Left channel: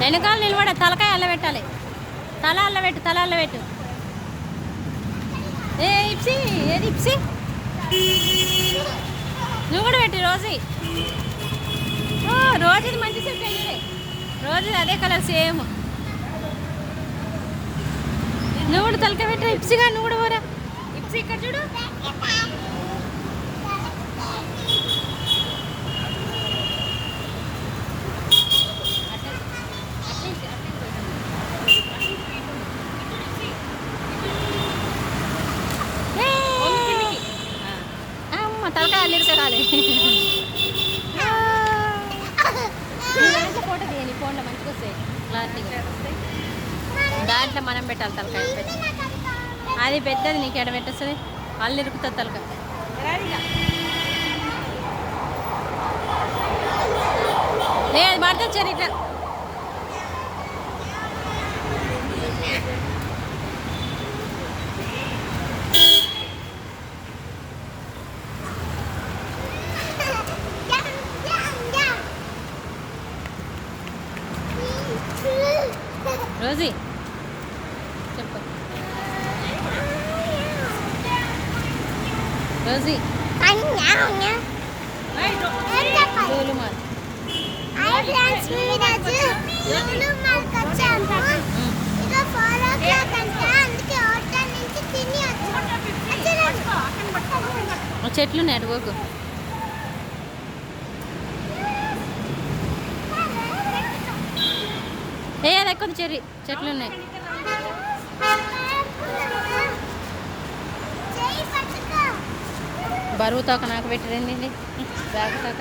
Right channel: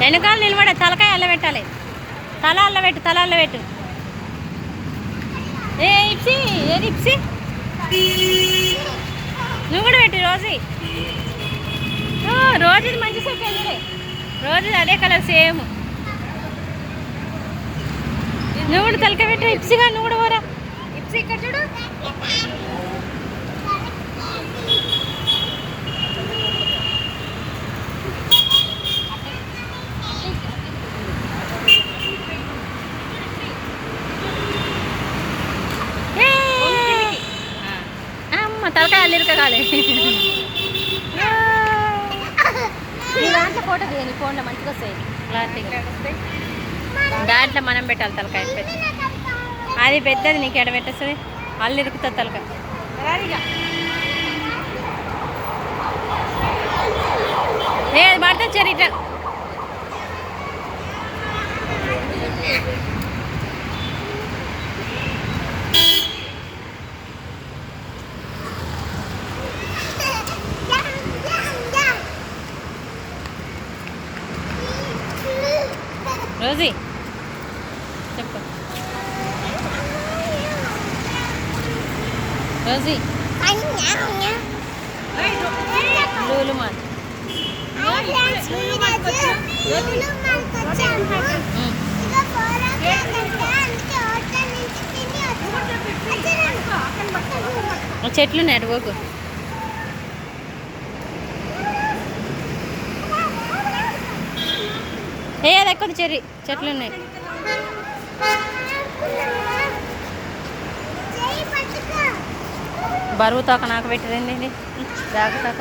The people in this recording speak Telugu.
వెనకాల నిలబడ తలకాయ అల్లబెట్టాలి. తల అల్లబెట్టు, తల అల్లబెట్టు. ఏ ఇప్సి, ఏది ఇప్సి, నువ్వు కూడా పెట్టు. రోజు రోజుది మంచి సెట్ అయ్యే, రోజు అదే కలర్ సేమ్. నువ్వు కూడా తలకాయ పెట్టు. ఇప్సిగా నువ్వు కూడా పోరా. ఇప్సి ఇక్కడ చూడు. తలకాయ అల్లిరకాలి. నీ దాంట్లో ఫోటో తీయని ఫోన్లో మంచిగా వస్తాయి క్లారిటీగా. దాంట్లో మనం పెట్టాలి తలకాయ. పెద్ద అది పెద్దది, నీకు ఎడ పెట్టేస్తుంది, అల్లు ఇరుకుతుంది తలకాయ. అది పడుతుంది సరే ఇట్లా. రోజీ చెప్పు. రోజీ లూలు మాల్ చెట్లు ఉన్నాయి. అటు పోకు. అది ఎక్కువ చెర్రీ చెట్లు ఉన్నాయి. బరువు తోక నాకు పెట్టింది. బ్యాగ్ తోక